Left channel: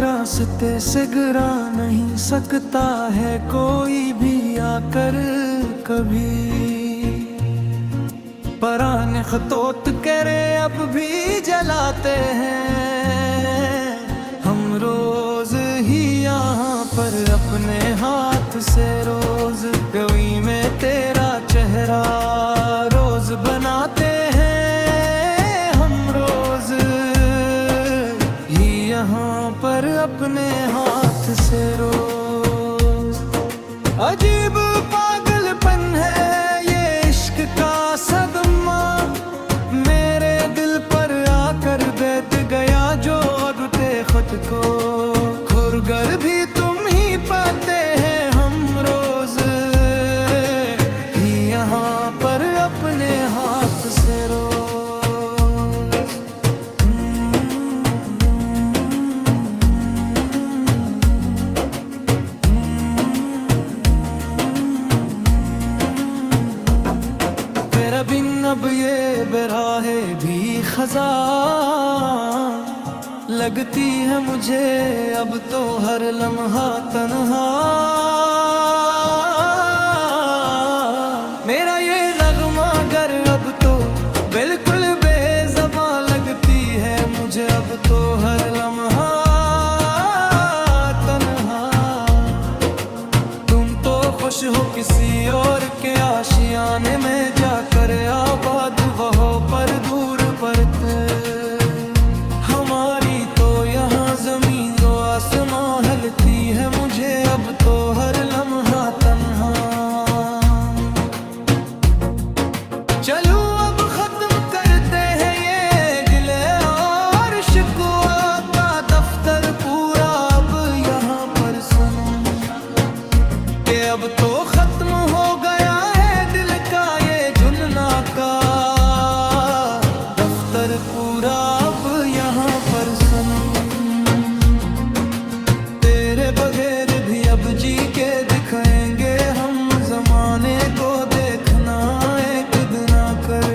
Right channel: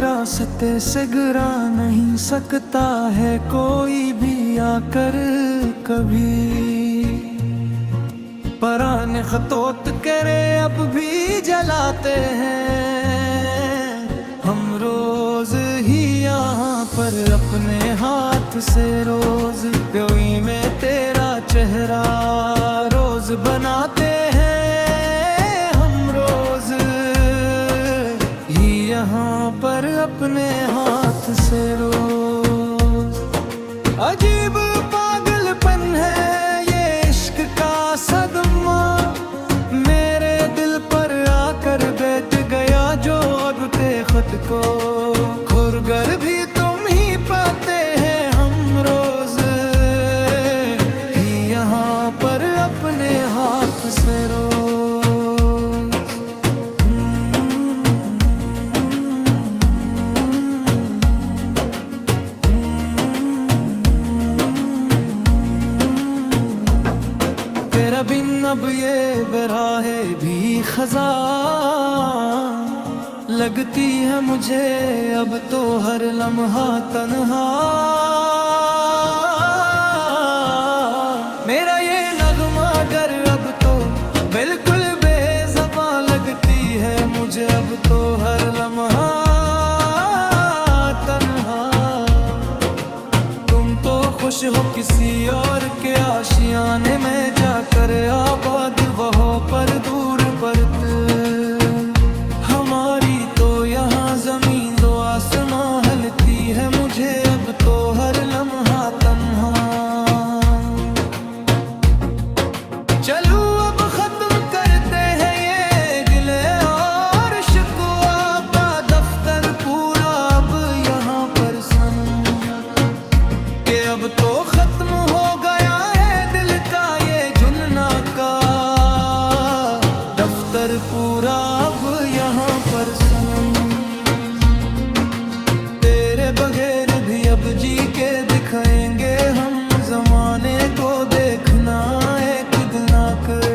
रास्ते से गिरा नहीं सकता है कोई भी आकर कभी। पराने खतोत करे अब भी जलाते हैं हम रोज ही यहाँ पर अपने हाथ से। रोज कोई में तेरा चेहरा रोज बनाते हैं हम रोज ही यहाँ पर अपने हाथ से रोज। अजीब पागलपन है ये इश्क का सदमा, मेरे दिल पर आकर बैठ गया जो अब ते खुद को। खुरगर भी तुम ही पाते हैं हम रोज ही यहाँ पर अपने हाथ से रोज। तेरा बिन अब ये बेराहे भी खजा लगती है मुझे अब तो हर लम्हा तन्हा। मेरा ये नगमा गर अब तो बिल्कुल बेज़बान लगती है मुझे अब तो हर लम्हा तन्हा। तुम तो खुश हो किसी और के आशियाने में जाकर आबाद वहो पर दूर परत। हमारी तो यहाँ जमीन दो आसमां हलती है मुझे अब तो हर लम्हा तन्हा। चलो अब खत्म करते हैं ये गिले और शिकवा का दफ्तर पूरा अब यहाँ पर सनम। कि अब तो खत्म हो गया है दिल का ये जुनना का दफ्तर पूरा अब यहाँ पर सनम। तेरे बगैर भी अब जी के दिखाएंगे हम जमाने को देखना एक दिन आकर।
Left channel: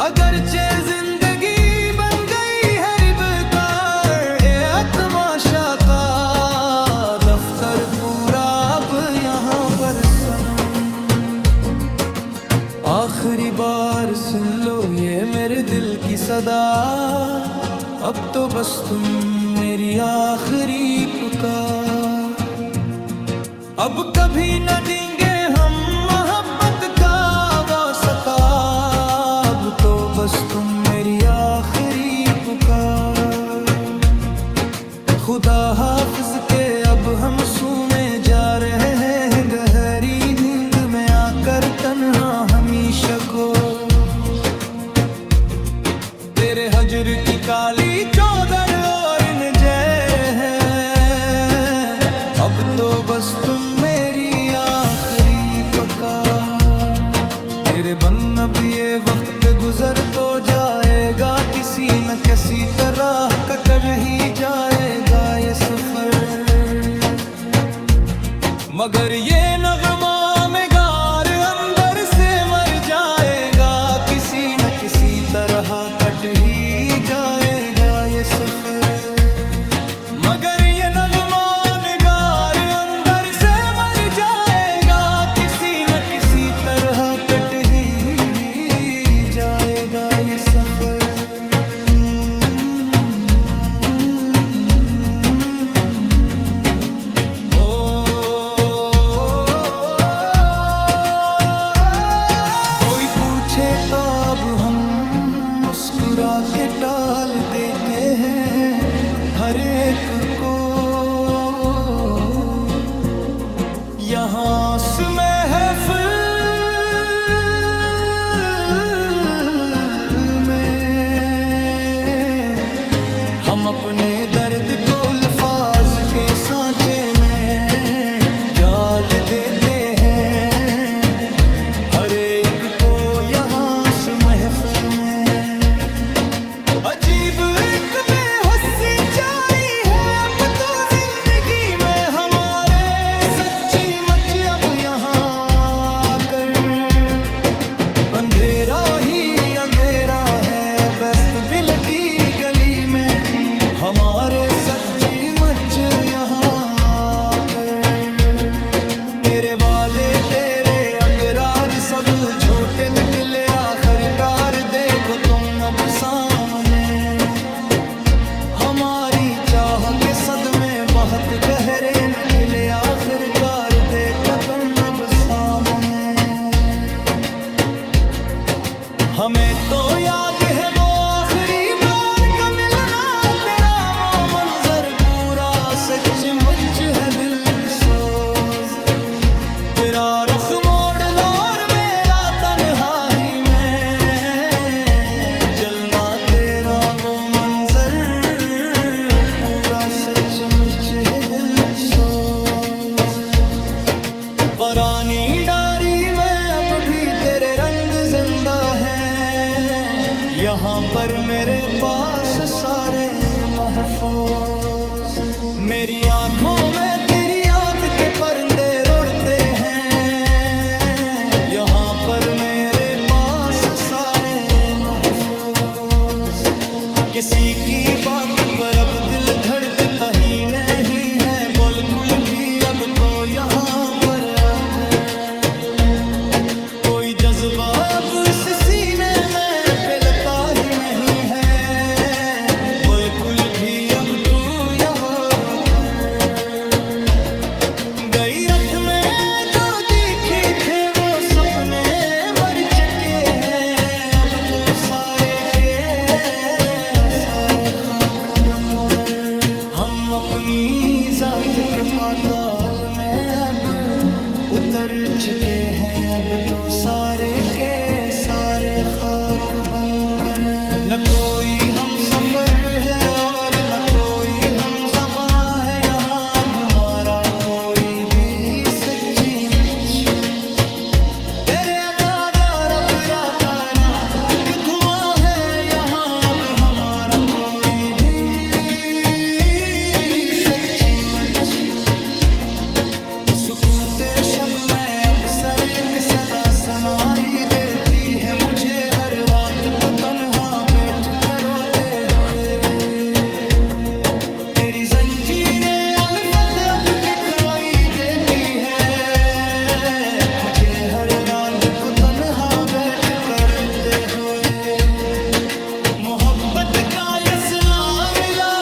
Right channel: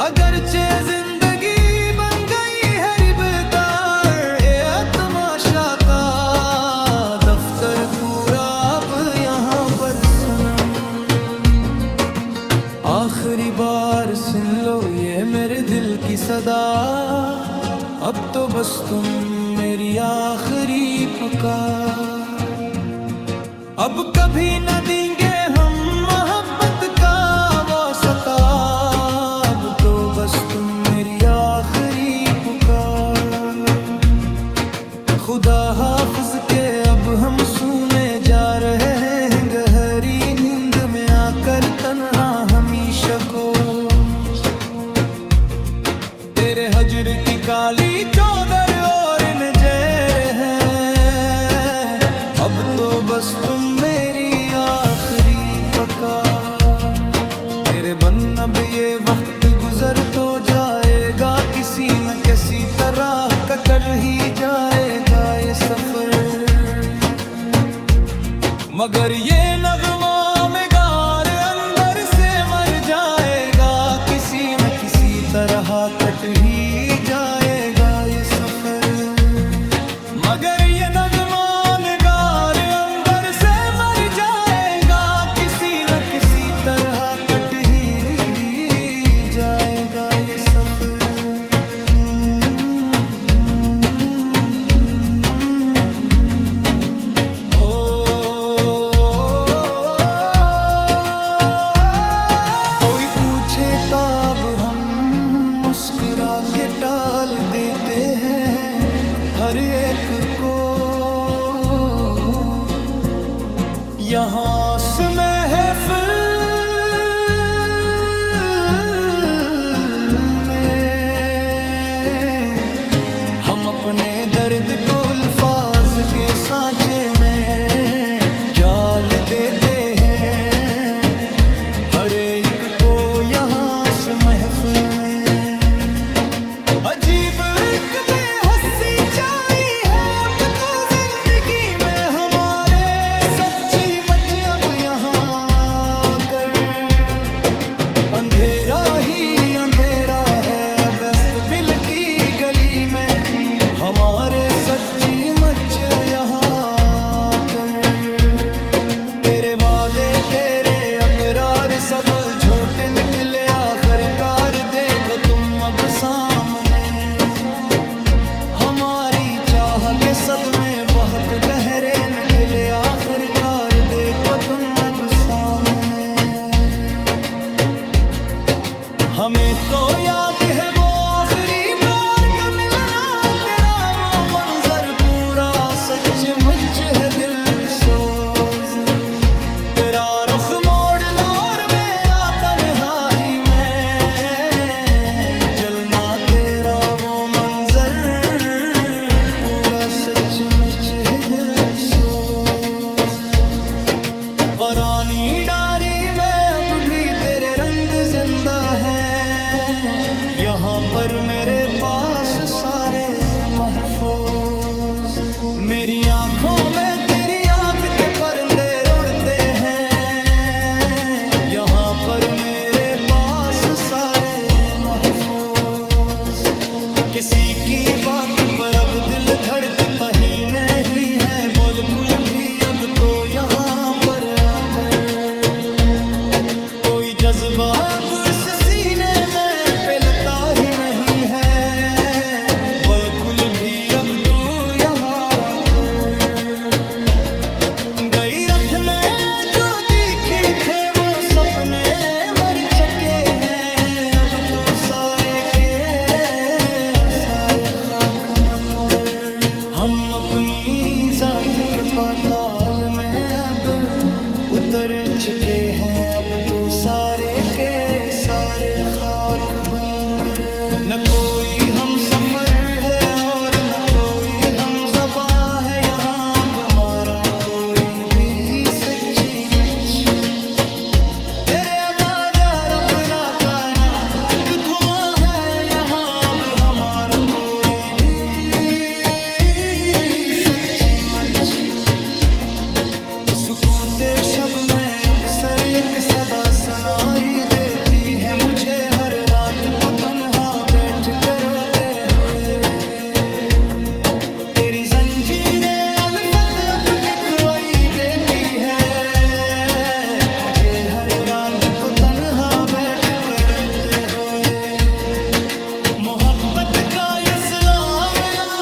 अगरचे जिंदगी बन गई है रिबकार ये तमाशा का दफ्तर पूरा अब यहाँ पर सनम। आखिरी बार सुन लो ये मेरे दिल की सदा, अब तो बस तुम मेरी आखिरी पुकार। अब कभी न देंगे हम मोहब्बत का वास्ता, अब तो बस तुम मेरी आखिरी पुकार। खुदा हाफिज के अब हम सोने जा रहे हैं गहरी नींद में आकर तन्हा हमेशा को। तेरे हजर की काली चौदर और नजर है, अब तो बस तुम मेरी आखिरी पुकार। तेरे बन अब ये वक्त गुजर तो जाएगा किसी न किसी तरह कटर ही जाएगा ये सफर। मगर ये नगमा में गार अंदर से मर जाएगा किसी न किसी तरह कट ही जाएगा ये सफर। मगर ये नगमा में गार अंदर से मर जाएगा किसी न किसी तरह कट ही जाएगा ये सफर। तब हम मुस्कुरा के टाल देते हैं हर एक को। यहाँ से महफिल में हम अपने दर्द को अल्फाज के सांचे में जाल देते हैं हर एक को यहाँ से महफिल में। अजीब एक बेहसी छाई है अब तो जिंदगी में हमारे, सच्ची मच अब यहाँ कर अंधेरा ही अंधेरा है। बेस्त बिल की गली में हमारे सज्जी मच यहाँ कर, तेरे वादे तेरे अकरार सब झूठे निकले आखिरकार, देखो तुम अब सामने। हमारी चाह के सदमे बहुत गहरे निकले आखिरकार, देखो तुम अब सामने। हमें तो याद है वो आखिरी बार का मिलना, तेरा वो मंजर पूरा सचमुच है दिल सोज। तेरा रुख मोड़ना और मेरा तन्हाई में जलना, तेरा वो मंजर पूरा सचमुच है दिल सोज। पुरानी डायरी में अब भी तेरे रंग जिंदा हैं, यहाँ पर मेरे पास सारे महफूज। मेरी आंखों में तेरी याद के परिंदे उड़ते हैं, यहाँ पर मेरे पास सारे महफूज। किसी की बात पर अब दिल धड़कता ही नहीं है बिल्कुल भी अब तो यहाँ पर आकर। कोई जज्बा अब इस सीने में पिलता ही नहीं है बिल्कुल भी अब तू यहाँ आकर। गई रथ में जो दिखे थे वो सपने मर चुके हैं, अब तो सारे के सारे खाक बनकर। हम अपनी जात के पाताल में अब उतर चुके हैं, अब तो सारे के सारे खाक बनकर। न कोई हम सफर है और न कोई हम ज़बां है, यहाँ अब हमारा कोई भी सच्ची मुच। तेरे बगैर अब राका ना एक धुआं है, यहाँ अब हमारा कोई भी सच्ची मच। सुकूते शब में अक्सर एक सदा सुनाई देती है मुझे हर रात को तन्हा बैठ कर रोते हुए। तेरी जंजीरें उल्फत अब दिखवाई देती है मुझे हर रात को तन्हा बैठ कर रोते हुए। मोहब्बत का ये सिला मिला